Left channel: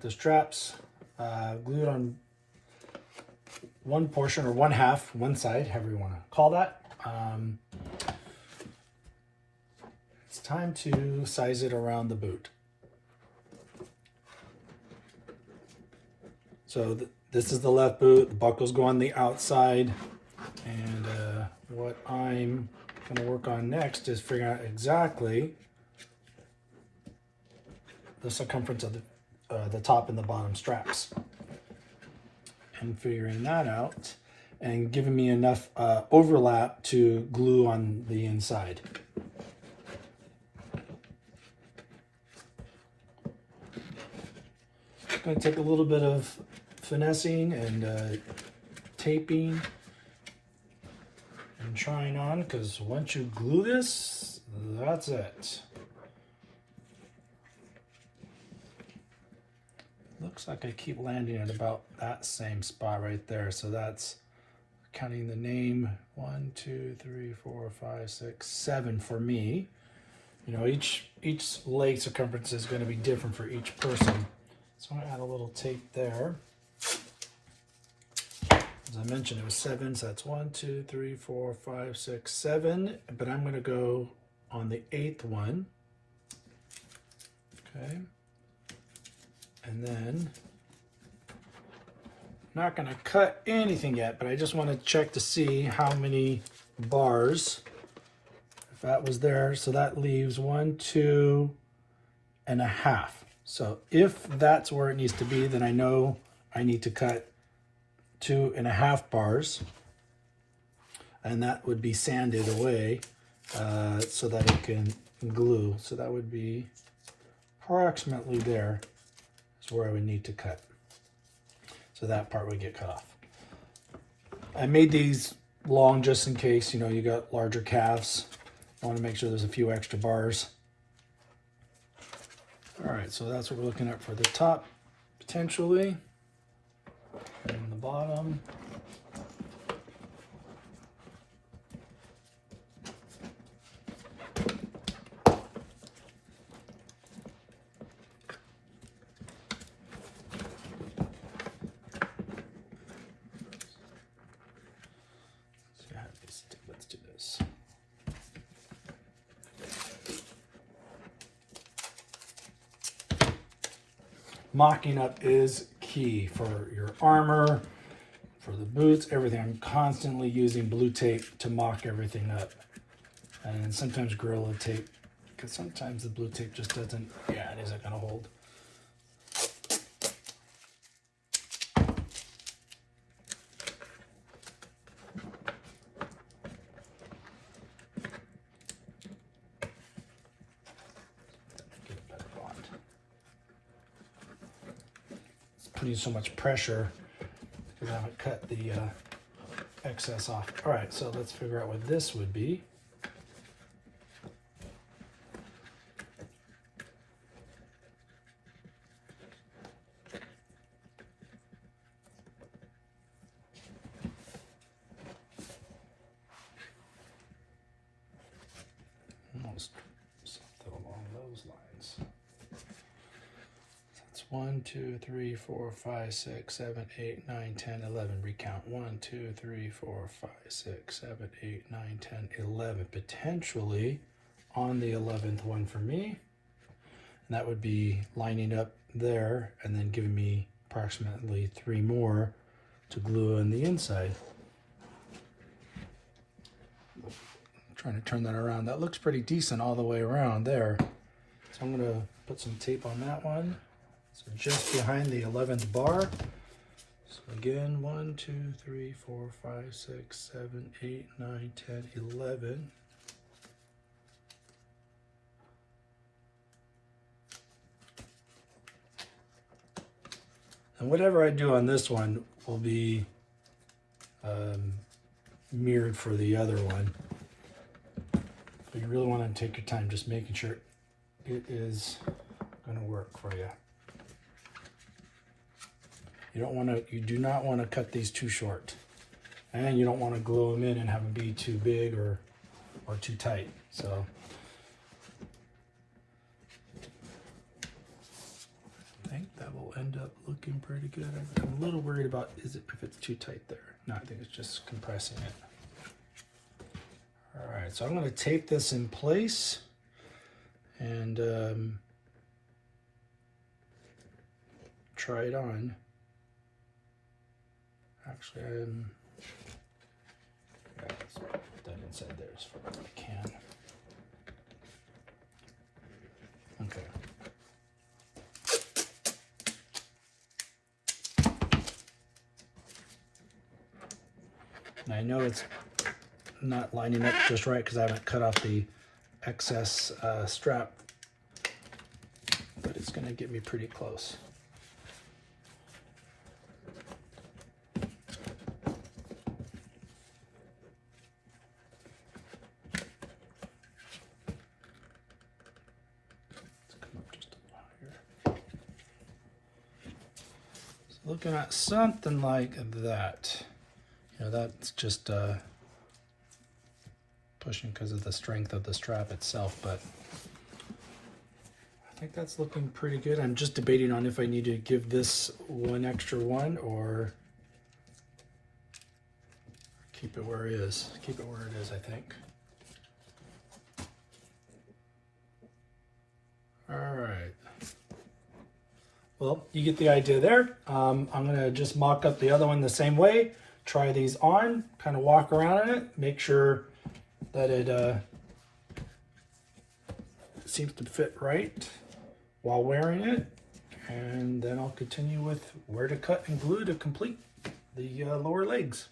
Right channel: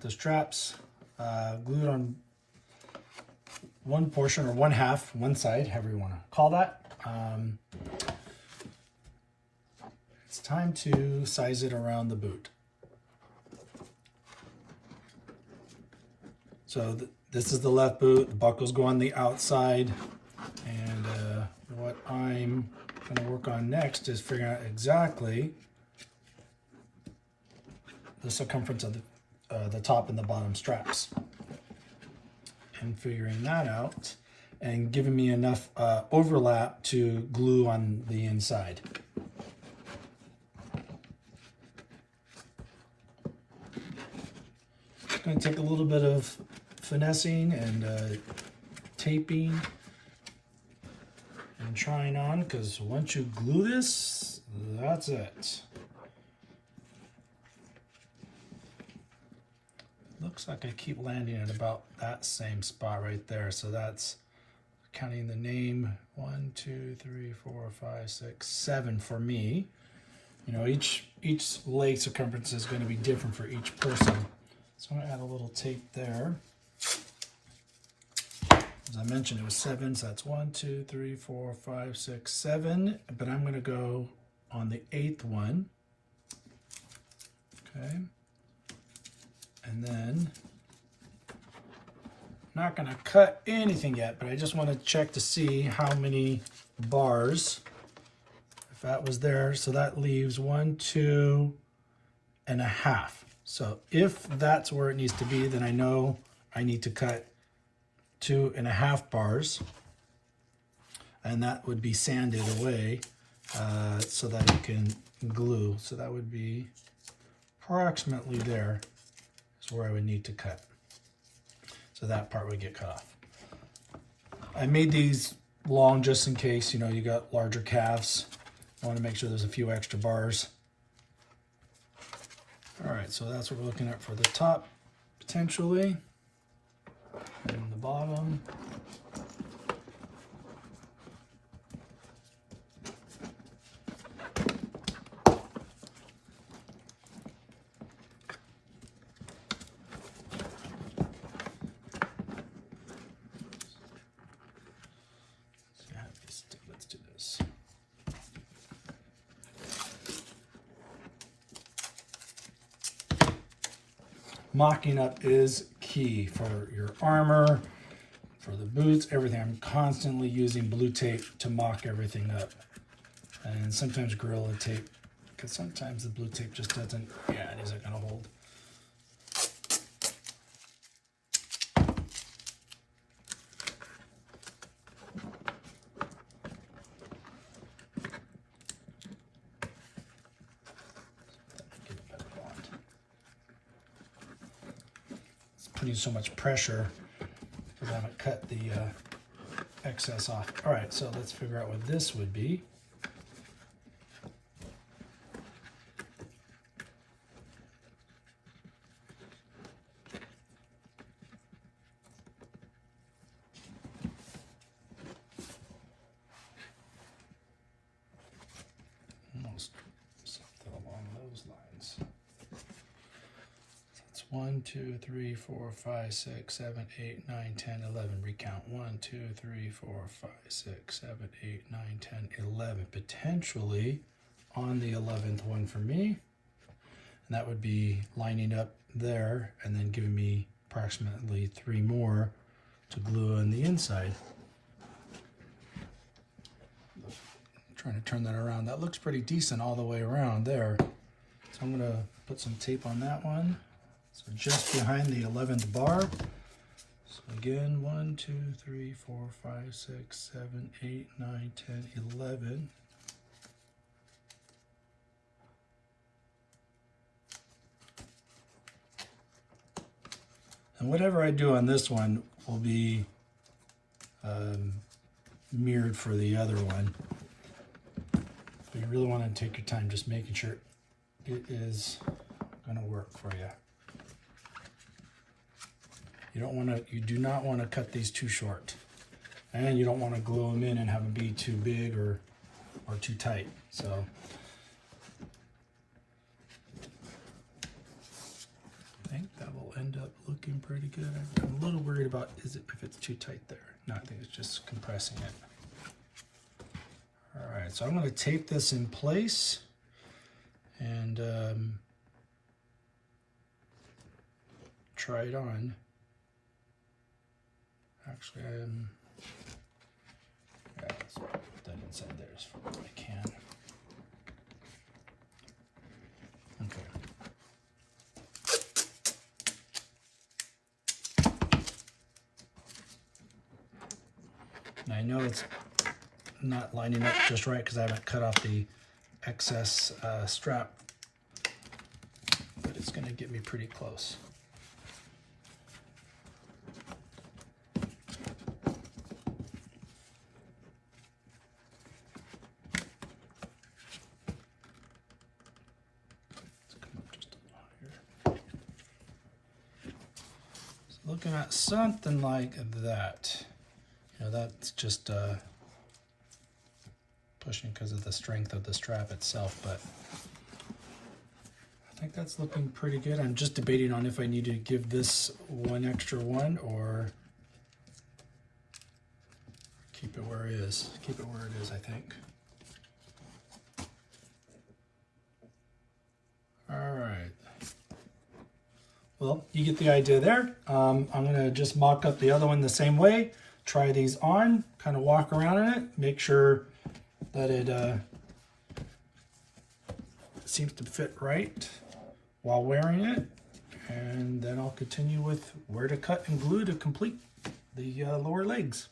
with the straps glued on one portion or one half, one side, however you want to call that. It's time to size it around the boot. So this is the left boot, the buckles go on the outside, and what I'm going to work on next is figuring out exactly the circumference of the top and the bottom straps, and figuring that out and giving me enough overlap to glue on the inside. It's going to take a little bit of finessing and taping and trying on, because once you glue this, that's it. Looks like I keep landing at about that same spot right there. So that's counting the name 1, 2, 3, 4, 5, 6, 7 for me. You know, each leg circumference is going to be different for each person. So I'm going to add a little tape there. As I mentioned, it was 7, so that's 1, 2, 3, 4, 5, 6, 7. But I'm going to go on the 8th one. Okay. And then, I'm not going to cut anything yet, but I just want to check to see how many bars, if that was there. So that leaves 1, 2 and a half. So if that's where it needs to be, then I know I need to cut 2.5 bars, and that would be sanded away so that it can glue. So that would be approximately there is where I would need to cut. So that part would get cut off. I made these long just in case, you know, you got larger calves. I want to make sure there's a few extra bars. All right, so that's what we're looking at for the top, potentially. And the bottom. Let's do this. Mocking up is key for your armor, for the boots, everything. I'm constantly using blue tape to mock everything up. And sometimes Gorilla tape, because sometimes the blue tape just doesn't, yeah, it isn't going to hold. Putting so much pressure because I haven't cut the excess off. All right, so let's figure out what this would be. Almost something along those lines. 1, 2, 3, 4, 5, 6, 7, 8, 9, 10, 11. Recount 1, 2, 3, 4, 5, 6, 7, 8, 9, 10, 11. Potentially on the 11th one for me. And that would be lining up there and then giving me approximately 3 more to glue on the inside. I'm trying to turn that around. That looks pretty decent all the way around there. So I'm going to put some tape on that one. So just behind the 11th bar. So again, 1, 2, 3, 4, 5, 6, 7, 8, 9, 10, 11. And whatever I do on this one will be mirrored for the other one. But you really want to take your time just making sure it is going to work for you. You do not want to cut these too short, and you don't want to glue them in and have them be too big or too tight. So I think that will end up looking pretty good. I'm a little worried about if it's too tight there. No, I think it's just compressing it. All right, so I'm going to tape this in place and try it on. Actually, yeah, let's put that inside there as far as I can. Okay. And I know it's not lining up just right because I haven't cut off the excess strap, but it's going to get me pretty close. Looking at something like that. You know, that's just pushing because of the strength of the strap itself, but I think that's looking pretty good. I'm just debating on if I need to give this one extra one or keep it where it is. Keep it where it is, I think. All right. Well, you get the idea there. I'm going to just mock up the other one the same way. Try these on, kind of walk around in it, make sure that it seems to fit right while wearing it. And then I'll continue with where to cut and glue to complete the lower legs.